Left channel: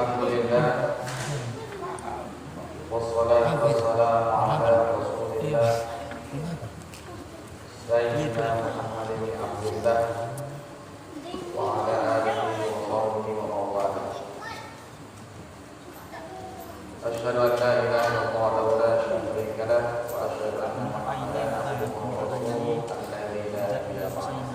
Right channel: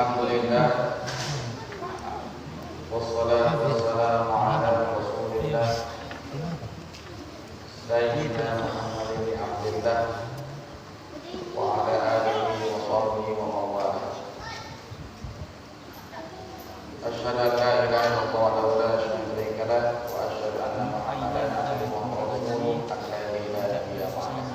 Alhamdulillah, wassalatu wassalamu ala Rasulillah Sayyidina Muhammadin bin Abdillah wa ala alihi wa sahbihi wa mawala. Asyhadu an la ilaha illallah wa la syarika lah wa asyhadu anna Muhammadan abduhu wa rasuluh alladzi la ilaha illallah.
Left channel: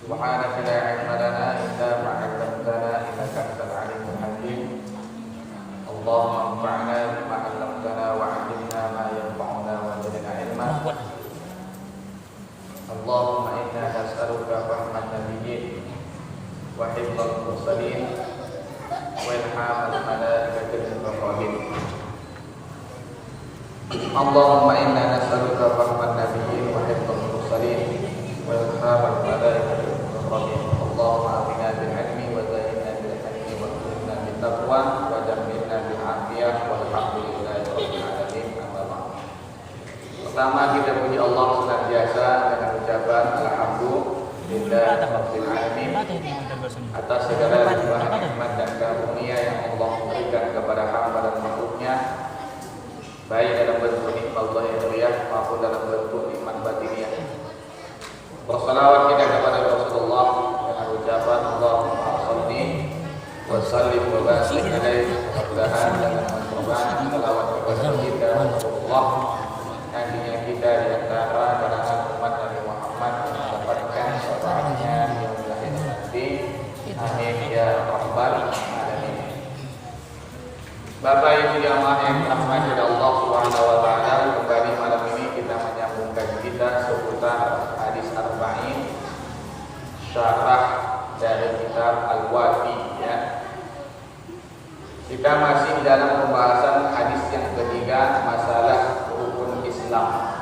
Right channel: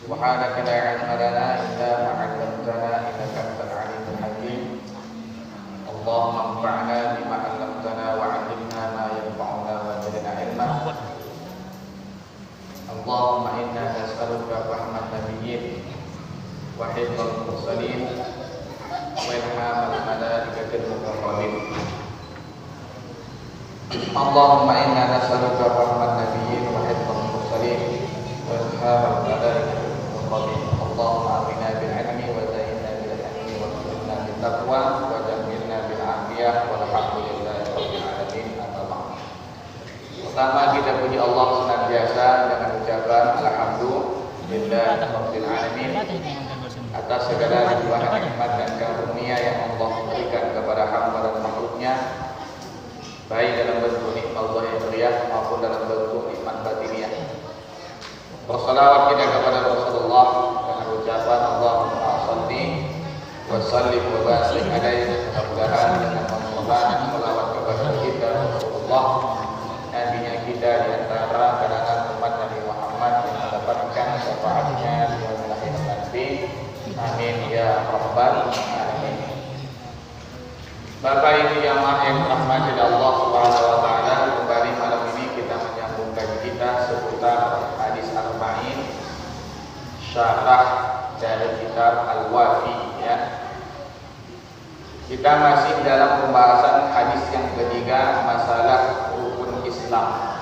Subhanaka la ilma lana illa ma 'allamtana innaka antal alimul hakim. Allahumma anfa'na bima 'allamtana wa 'allimna ma yanfa'una wa zidna 'ilma. Allahumma inna nas'aluka rahmat nabiyyin wa hifdzal mursalin wa ilhamal malaikatil muqarrabin. Allahumma inna nas'aluka rahmat nabiyyin wa hifdzal mursalin wa ilhamal malaikatil Allahumma atina bil ilmi wa zayyinna bil hilmi wa akrimna bit taqwa wa jammilna bil afiyah walhamdulillahi rabbil alamin. Amma ba'd. Pertama kita puji Allah senantiasa dengan ucapan alhamdulillah rabbil alamin atas segala limpah nikmat dan karunia yang Allah berikan kepada hamba dan makhluknya, baik dalam bentuk nikmat zahiriyah maupun dalam bentuk nikmat batiniyah. Wassalawat kita kepada Rasulullah dengan ucapan Allahumma shalli wa sallim wa barik alaihi. Mudah-mudahan dengan mengucapkan salawat kepada kita Rasulullah, nantinya kita di antara kalangan umat Nabi Muhammad yang mendapatkan syafaatnya di yaumil akhir nanti. Amin ya rabbal alamin. Bapak Ibu yang dirahmati Allah Subhanahu wa taala, kembali malam ini kita menyambung kajian kita seputar hadis arba'in syarah dari kitab Al-Wafi ya. Kita masih dalam pembahasan hadis yang ketiga, masalah rukun Islam,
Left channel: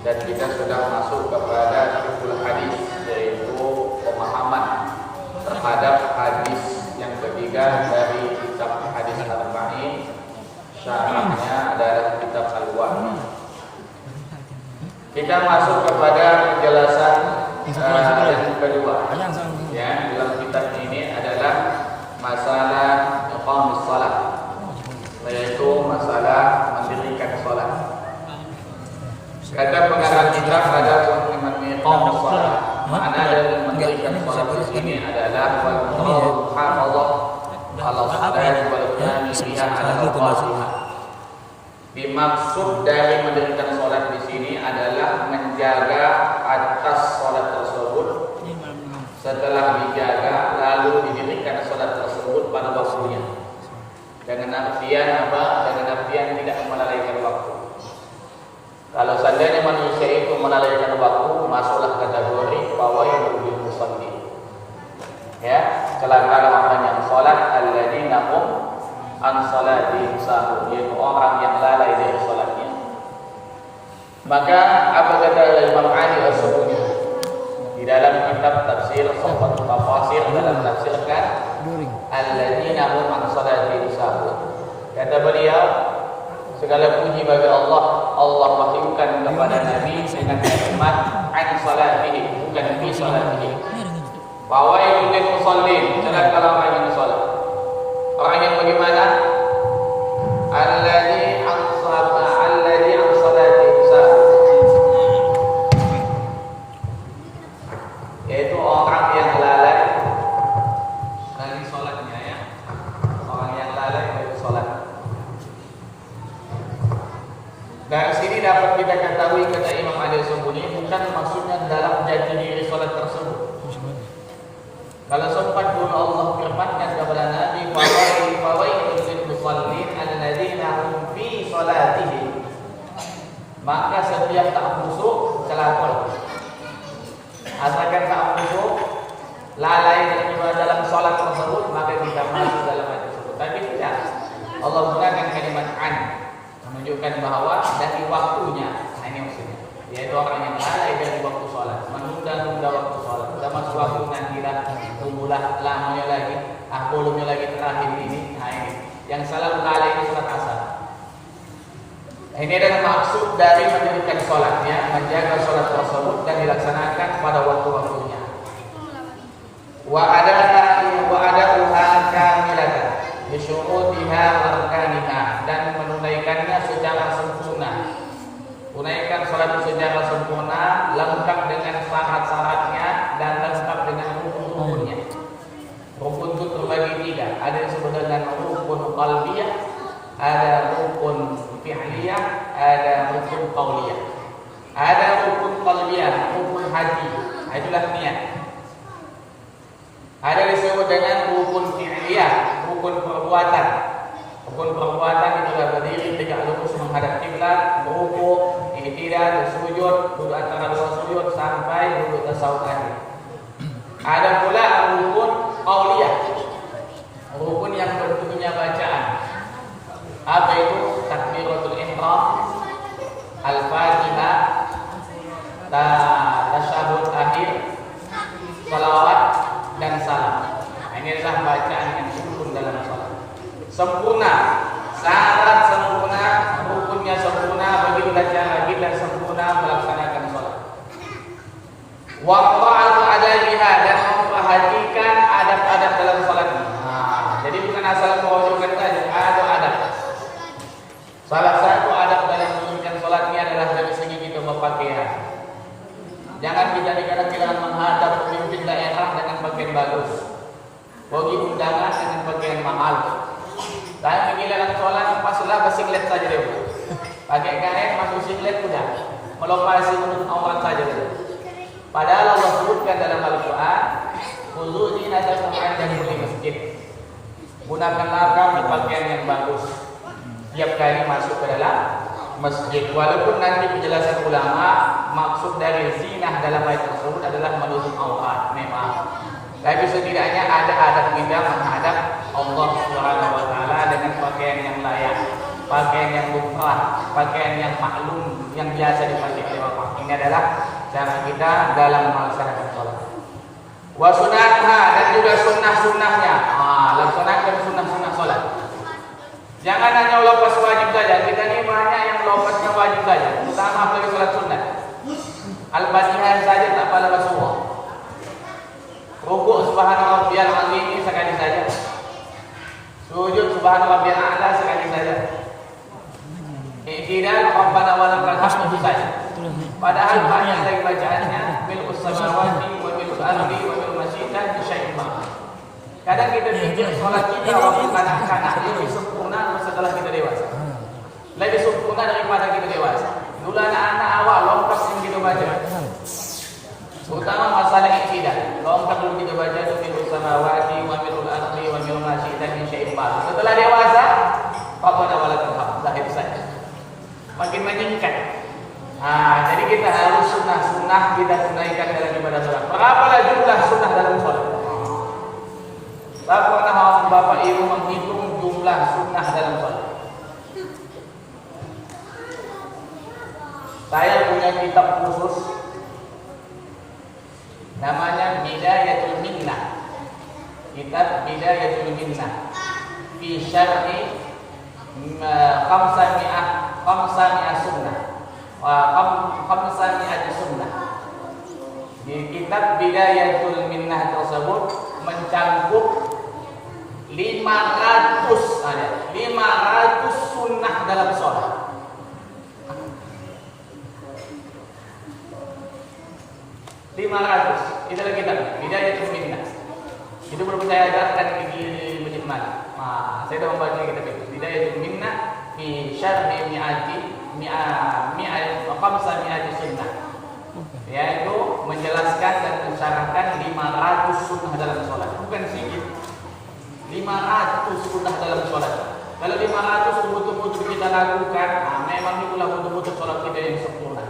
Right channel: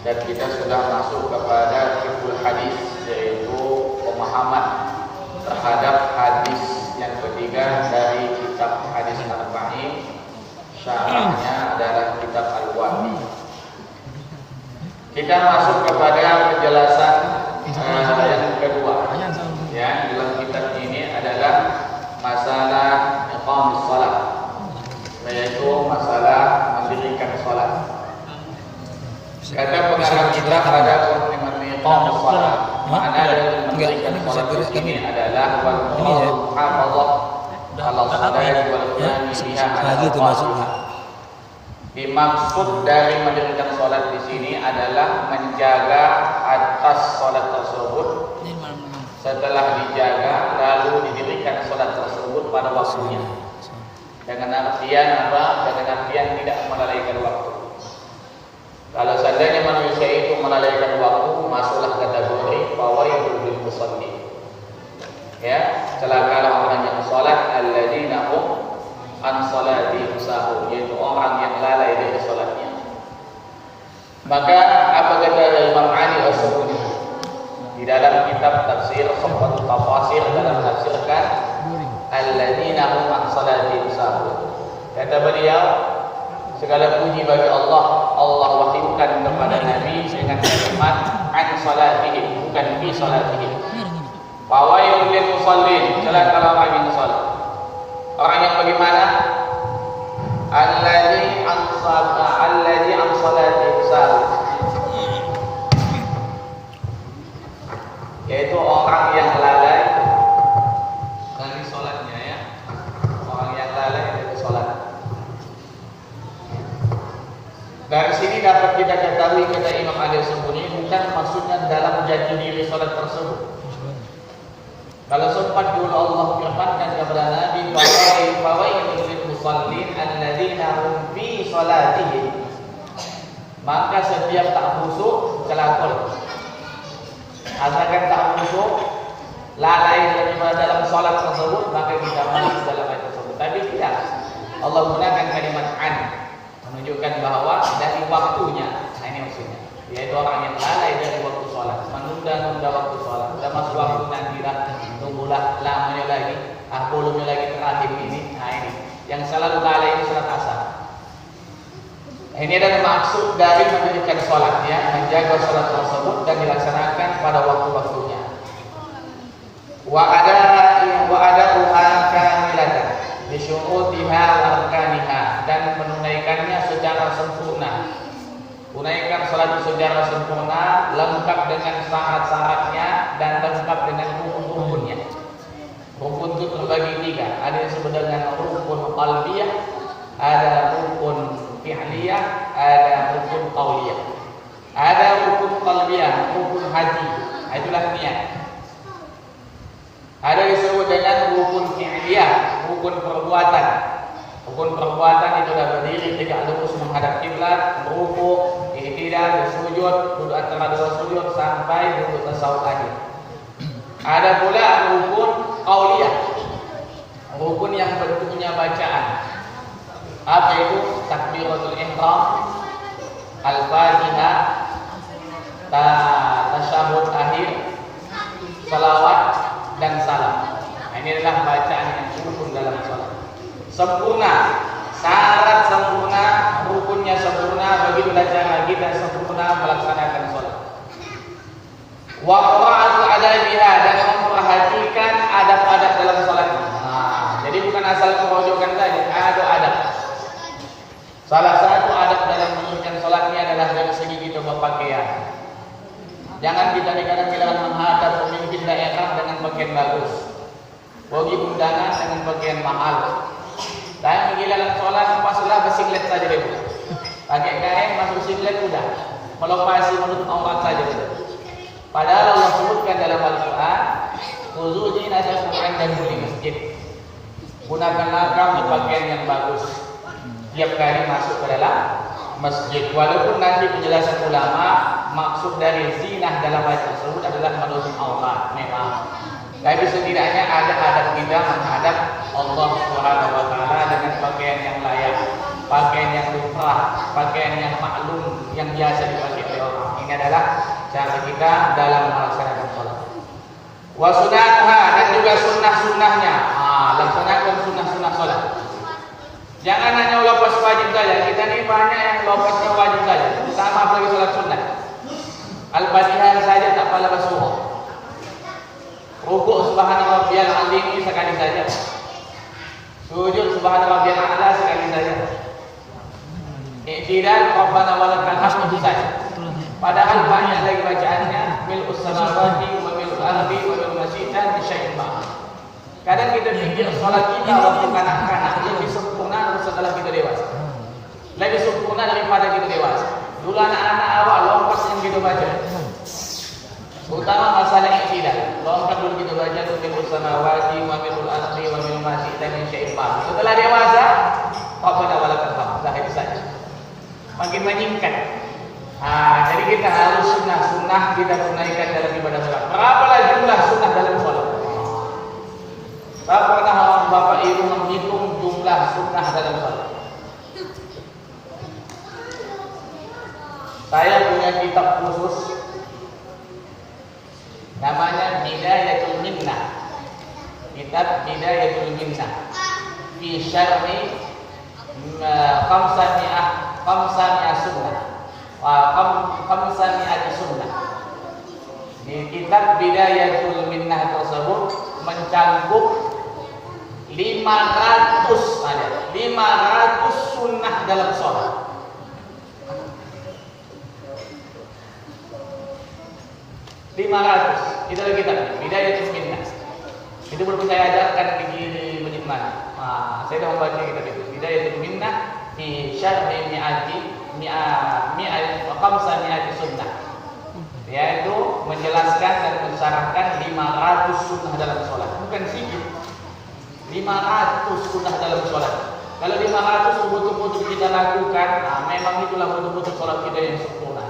dan kita sudah masuk kepada rukun hadis, yaitu pemahaman terhadap hadis yang ketiga dari kitab hadis arba'in. Syarahnya adalah kitab Al-Wafi. Kita masuk kepada penjelasan yang kedua ya, di dalam kitab ini adalah masalah iqamus shalah, yaitu masalah mendirikan salat. Kata pengarang kitab pada iqamus shalah, makna dari mendirikan salat di sini adalah wal muhafadzah ala salati wal qiyam biha ala awqatiha. Dimaksud dari mendirikan sholat di sini adalah menjaga atas sholat tersebut. Setelah dijaga, lalu didirikan sholat tersebut pada waktunya. Dengan artian apa? Dengan artian tidak melalaikan waktu. Kalau seandainya manusia itu melalaikan waktu, masuklah kategori fawailul lil musallin. Ya, celakalah orang yang sholat alladzina hum an salatihim sahun, yaitu orang yang lalai dari salatnya. Maka apa kata Imam Ali As-Sabuni di dalam kitab tafsir Safat Tafasir dalam tafsirkan alladzina hum an salatihim sahun, kata beliau, segala puji bagi Allah, Allah wahyukan kepada Nabi dengan kalimat an salatihim, bukan fi salatihim. Fawailul lil musallin, celaka orang yang salat. Orang yang bagaimana? Alladzi an salati sahun, yaitu orang yang lalai dari salatnya ya. Orang yang lalai dari salat. Dari sini dapat kita ketahui, kata Imam Ali As-Sabuni, bukan maksudnya dalam jati diri salat tersebut. Kalau sempat dulu Allah firmankan kepada Nabi, fawailul lil musallin alladzina hum fi salatihim, maka setiap tak khusyuk celaka. Asalkan tak khusyuk, lalai dari dalam salat tersebut, maka kita masuk dalam ayat tersebut. Tapi tidak, Allah gunakan kalimat an, menunjukkan bahwa dari waktunya. Nah, ini maksudnya, yaitu orang yang lalai dari waktu salat, menunda-nunda waktu salat. Sudah masuk waktu, nanti dah tunggulah lamanya lagi, belumnya lagi terakhir ini. Nah, ini yang selalu lalai itu salat asar. Ini adalah maksud dari mendirikan salat ya, menjaga salat tersebut dan dilaksanakan pada waktu-waktunya. Wa ada secara sempurna, lengkap dengan syarat-syaratnya dan lengkap dengan rukun-rukunnya. Rukun itu terbagi 3. Ada yang disebut dengan rukun qalbiyah, ada rukun fi'liyah, ada rukun qauliyah. Ada rukun qalbiyah, rukun hati, itulah niat. Ada yang disebut dengan rukun fi'liyah, rukun perbuatan. Rukun perbuatan itulah berdiri tegak lurus menghadap kiblat, merukuk, i'tidal, bersujud, duduk antara dua sujud sampai duduk tasawuf akhir. Ada pula rukun qauliyah, rukun yang bentuknya bacaan. Apa itu? Takbiratul ihram, al-fatihah, tasyahud akhir, salawat dan salam. Ini adalah bacaan yang rukun dalam salat. Sempurna, syarat sempurna, rukunnya sempurna, begitulah cara kita sempurna melaksanakan salat. Wa qira'atul adabiha, dan memperhatikan adab-adab dalam salat. Jadi bukan asal kerojokan saja, ada adab. Salah satu adab dalam menunaikan salat ini adalah dari segi kita berpakaian. Jangan kita dikatakan menghadap pemimpin daerah dengan pakaian bagus, pergi undangan dengan pakaian mahal. Dan pergi dalam sholat paslah bersinglet saja dulu. Pakai kain masuk singlet sudah, melopasi menurut aurat saja dulu. Padahal Allah sebutkan dalam Al-Quran, khuzu zinatakum 'inda kulli masjid. Gunakanlah kamu pakaian yang bagus tiap kali masuk ke dalam masjid. Walaupun nanti penjelasan ulama, maksud dari zinah dalam ayat tersebut adalah menutup aurat memang. Tapi setidaknya ada adab kita menghadap Allah Subhanahu wa taala dengan pakaian yang layak, pakaian yang fitrah, pakaian yang maklum, yang biasa dipakai oleh orang. Ini adalah cara kita dalam melaksanakan salat. Wa sunnahha, dan juga sunnah-sunnahnya. Laksanakan sunnah-sunnah salat. Jangan hanya lepas wajib saja. Kita ini banyak yang lepasnya wajib saja, terutama apalagi salat sunnah. Al-Fatihah saja tak pala surah. Rukuk subhana rabbiyal azim sekali saja. Sujud subhana rabbiyal a'la sekali saja. I'tidal rabbana walakal hamd saja. Padahal banyak lagi bacaannya, mil'us samawati wa mil'ul ardi wa mil'u masyidan bisyai'in ma. Kadang kita pikir salat kita waktu kanak-kanak lebih sempurna setelah kita dewasa. Lebih sempurna daripada kita dewasa. Dulu anak-anak awal lompat yang kita baca. Terutama masalah i'tidal. Lompat dulu kita baca tu mil'us samawati wa mil'ul ardi wa mil'u masyidan bisyai'in ma. Setelah dewasa, rabbana walakal hamd. Dah itu saja. Makin meningkat. Jadi kita harus sunnah-sunnah kita tunaikan dalam ibadah salat. Berapalah jumlah sunnah dalam salat? Tak pernah orang bapak ibu menghitung jumlah sunnah dalam salat. Saya punya kitab khusus, namanya Bidayatul Minnah. Kitab Bidayatul Minnah fi syar'i khamsami'ah sunnah. Khamsami'ah sunnah. Di kitab Bidayatul Minnah tersebut mencakup 500 sunnah dalam sholat. 500. Kita lagi kan Bidayatul Minnah. Itu belum saya ajarkan di Masjid Malik. Saya dah membaca kitab itu. Bidayatul Minnah fi syarhi khamsami'ah sunnah. Yaitu menjelaskan dan mensyarahkan 500 sunnah dalam sholat. Bukan sedikit. 500 sunnah dalam sholat. Kalau 500 betul-betul kita lakukan, memang itulah betul-betul sholat kita yang sempurna.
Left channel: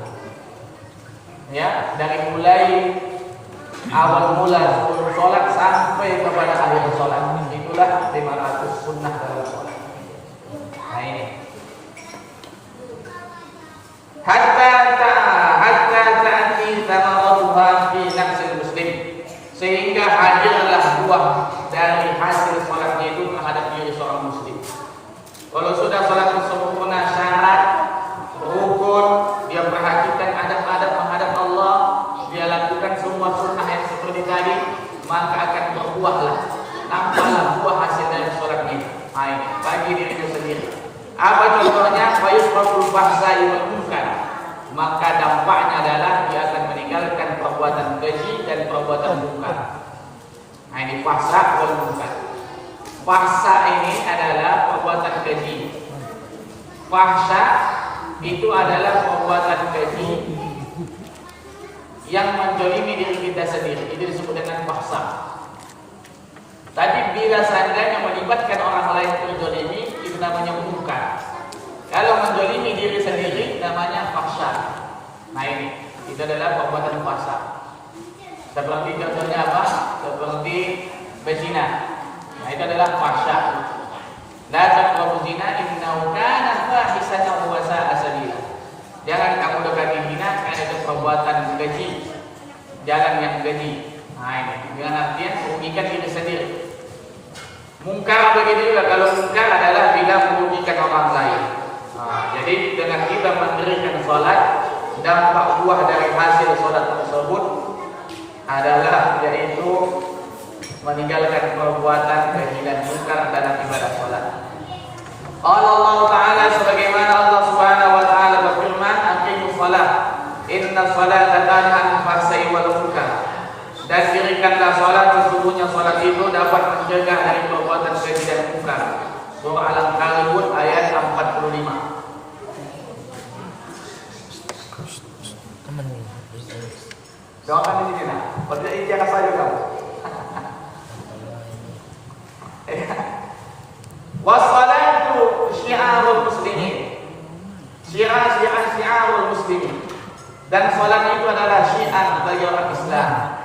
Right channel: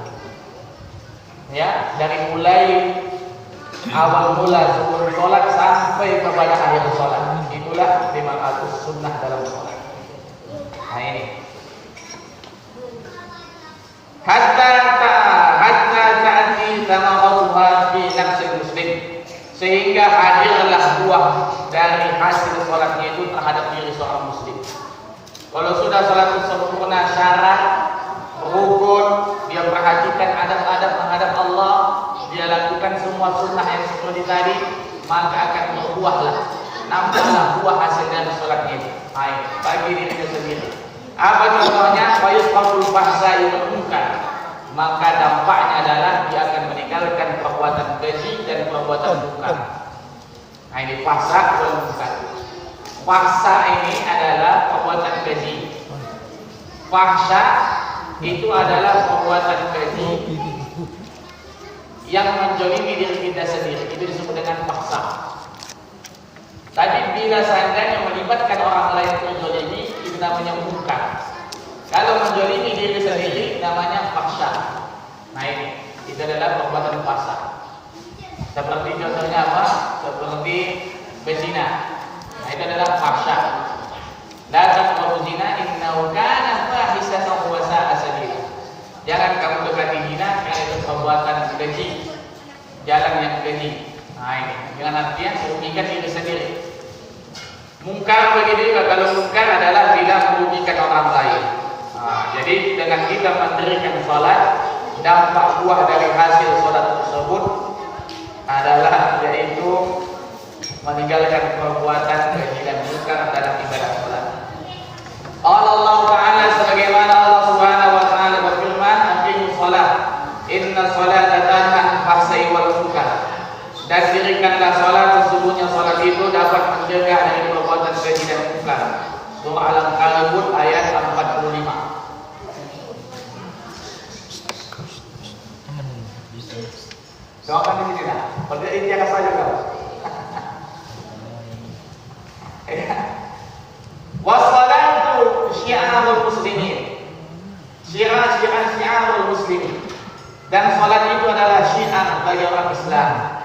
Ya, dari mulai awal mula sebelum sholat sampai kepada akhir sholat, itulah 500 sunnah dalam sholat. Nah ini. Hatta ta'ati thamaratuha fi nafsil muslim, sehingga hadirlah buah dari hasil salatnya itu terhadap diri seorang muslim. Kalau sudah salat sempurna, syarat, rukun, dia perhatikan adab-adab menghadap Allah, dia lakukan semua sunnah yang seperti tadi, maka akan berbuahlah, nampaklah buah hasil dari salatnya. Bagi dirinya sendiri. Apa contohnya? Fayusfaqul bahsa'i wal munkar. maka dampaknya adalah dia akan meninggalkan perbuatan keji dan perbuatan munkar. Nah, ini fahsya dan munkar. Fahsya ini adalah perbuatan keji. Fahsya itu adalah perbuatan keji yang menjolimi diri kita sendiri. Itu disebut dengan fahsya. Tapi bila seandainya melibatkan orang lain terjolimi, itu namanya munkar. Kalau menjolimi diri sendiri namanya fahsya. Nah ini, itu adalah perbuatan fahsya. Seperti contohnya apa? Seperti berzina. Nah itu adalah fahsya. La taqrabu zina innahu kana fahisatan wa sa'a sabila. Jangan kamu dekati zina karena itu perbuatan keji, jalan yang keji. Nah ini, dengan artian merugikan diri sendiri. Mungkar begitu juga. Kalau mungkar adalah bila merugikan orang lain. Nah, jadi dengan kita mendirikan sholat, dampak buah dari hasil sholat tersebut adalah yaitu meninggalkan perbuatan keji dan munkar dalam ibadah sholat. Allah Ta'ala sebagaimana Allah Subhanahu Wa Ta'ala berfirman, aqimus sholat, inna sholata tanha anil fahsya'i wal munkar. Dan dirikanlah sholat, sesungguhnya sholat itu dapat menjaga dari perbuatan keji dan munkar. Surah Al-Ankabut ayat 45. Jawaban di sini lah. Pada intinya saja kan. Wassalatu syiarul muslimin. Syiarul muslimin. Dan salat itu adalah syiar bagi orang Islam.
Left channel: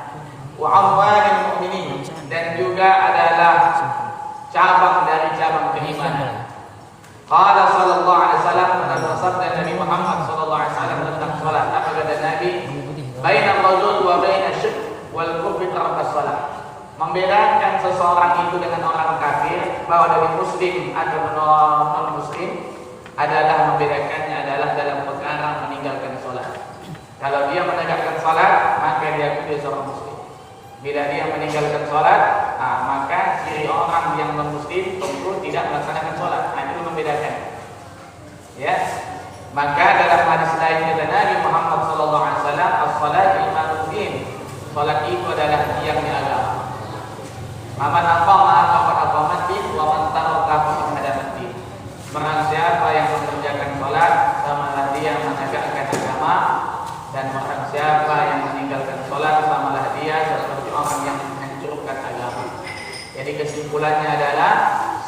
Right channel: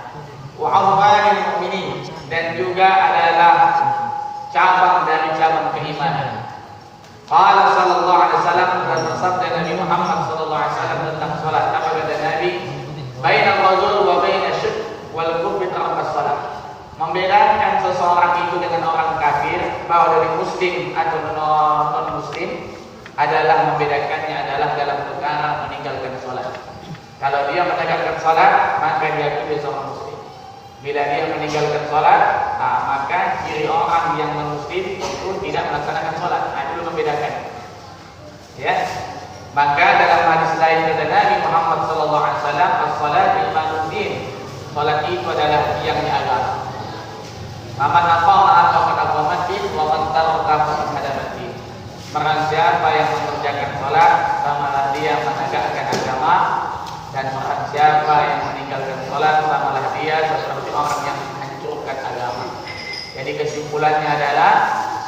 Wa amalul mu'minin, dan juga adalah cabang dari cabang keimanan. Qala sallallahu alaihi wasallam, bersabda Nabi Muhammad sallallahu alaihi wasallam tentang salat. Apa kata Nabi? Bainal rajul wa bainasy syirk wal kufri tarkas salat. Membedakan seseorang itu dengan orang kafir, bahwa dari muslim atau non muslim, adalah membedakannya adalah dalam perkara meninggalkan salat. Kalau dia menegakkan salat, maka dia itu seorang muslim. Bila dia meninggalkan salat, maka ciri orang yang non-muslim tentu tidak melaksanakan salat. Nah, itu membedakan. Ya. Maka dalam hadis lain dari Nabi Muhammad sallallahu alaihi wasallam, as-salat imanuddin. Salat itu adalah tiangnya agama. Man aqama faqad aqamati wa man taraka faqad hadamati. Barang siapa yang mengerjakan salat, sama dia menegakkan agama, dan barang siapa yang meninggalkan salat, samalah dia seperti orang yang menghancurkan agama. Jadi kesimpulannya adalah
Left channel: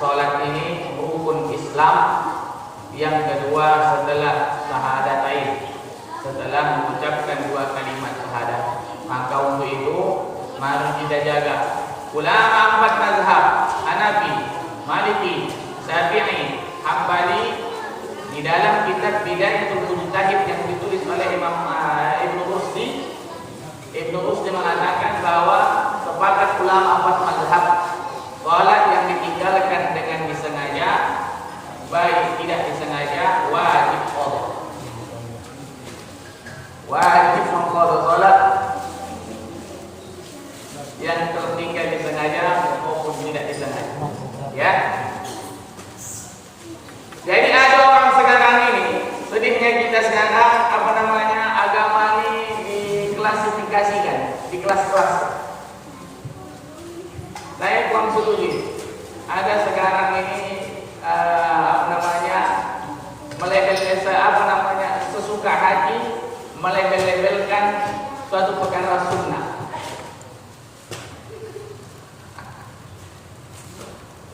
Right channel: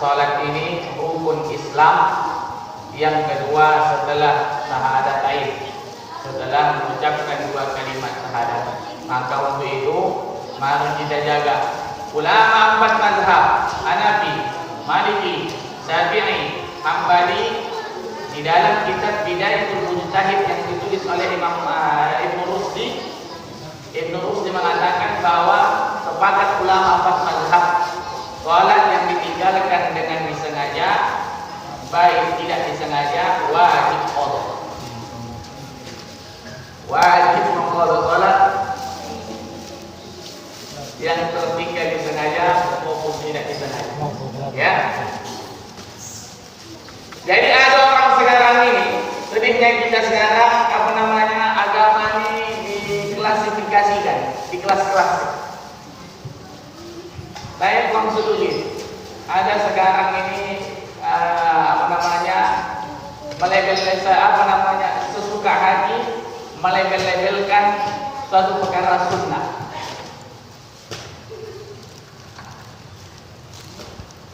salat ini rukun Islam yang kedua setelah syahadatain, setelah mengucapkan dua kalimat syahadat. Maka untuk itu mari kita jaga. Ulama 4 mazhab, Hanafi, Maliki, Syafi'i, Hambali, di dalam kitab Bidayatul Mujtahid yang ditulis oleh Imam Ibnu Rusdi mengatakan bahwa sepakat ulama 4 mazhab, salat yang ditinggalkan dengan disengaja, baik tidak disengaja, wajib qadha. Wajib mengqadha salat yang tertinggal disengaja maupun tidak disengaja. Ya. Jadi ada orang sekarang ini, sedihnya kita sekarang agama ini diklasifikasikan, di kelas-kelas. Saya kurang setuju. Ada sekarang ini sesuka hati melabel-labelkan suatu perkara sunnah.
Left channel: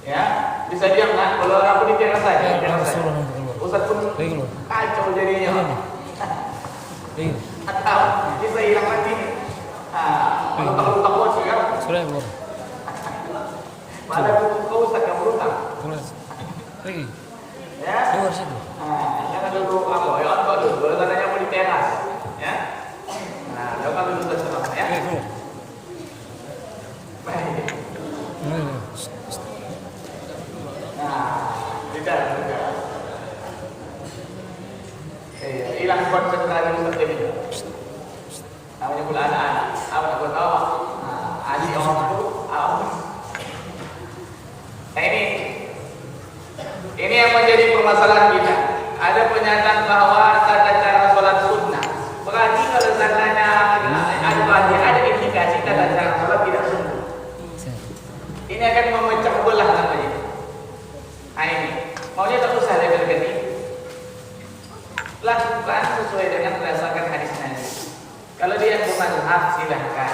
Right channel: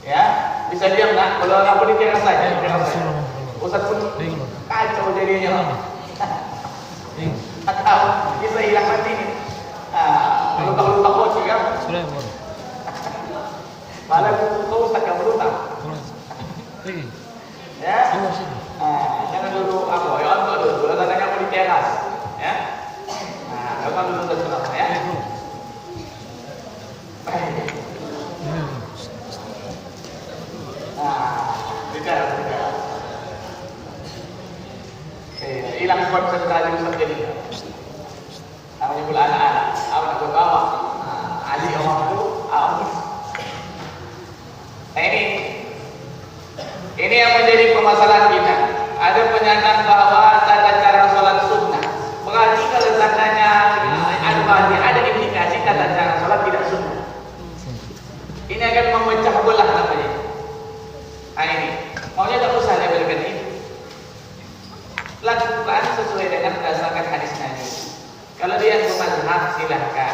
Ya, bisa diam nggak? Kalau aku ditiras saja, Ustaz pun kacau jadinya. Atau bisa hilang hati ini. Lutak-lutak bocor ya. Malah kau Ustaz yang berutang. Ya. Jangan dulu apa? Ya kan dulu. Kalau katanya mau diteras, ya. Nah, kalau belum tentu ya. Baik. Tidak. Hilang konsentrasi seperti ini. Namanya pula anak-anak. Apa nak tahu? Adik orang itu apa? Ini yang menjadi permasalahan kita. Ada pernyataan bahwa tata cara sholat sunnah bermazhab silahkan.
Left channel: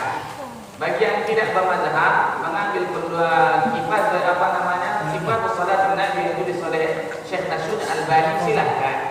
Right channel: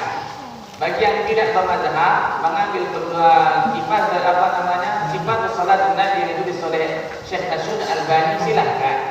Bagi yang tidak bermazhab mengambil kifat apa namanya? Sifat salat Nabi yang ditulis oleh Syekh Nasrul Albani silahkan.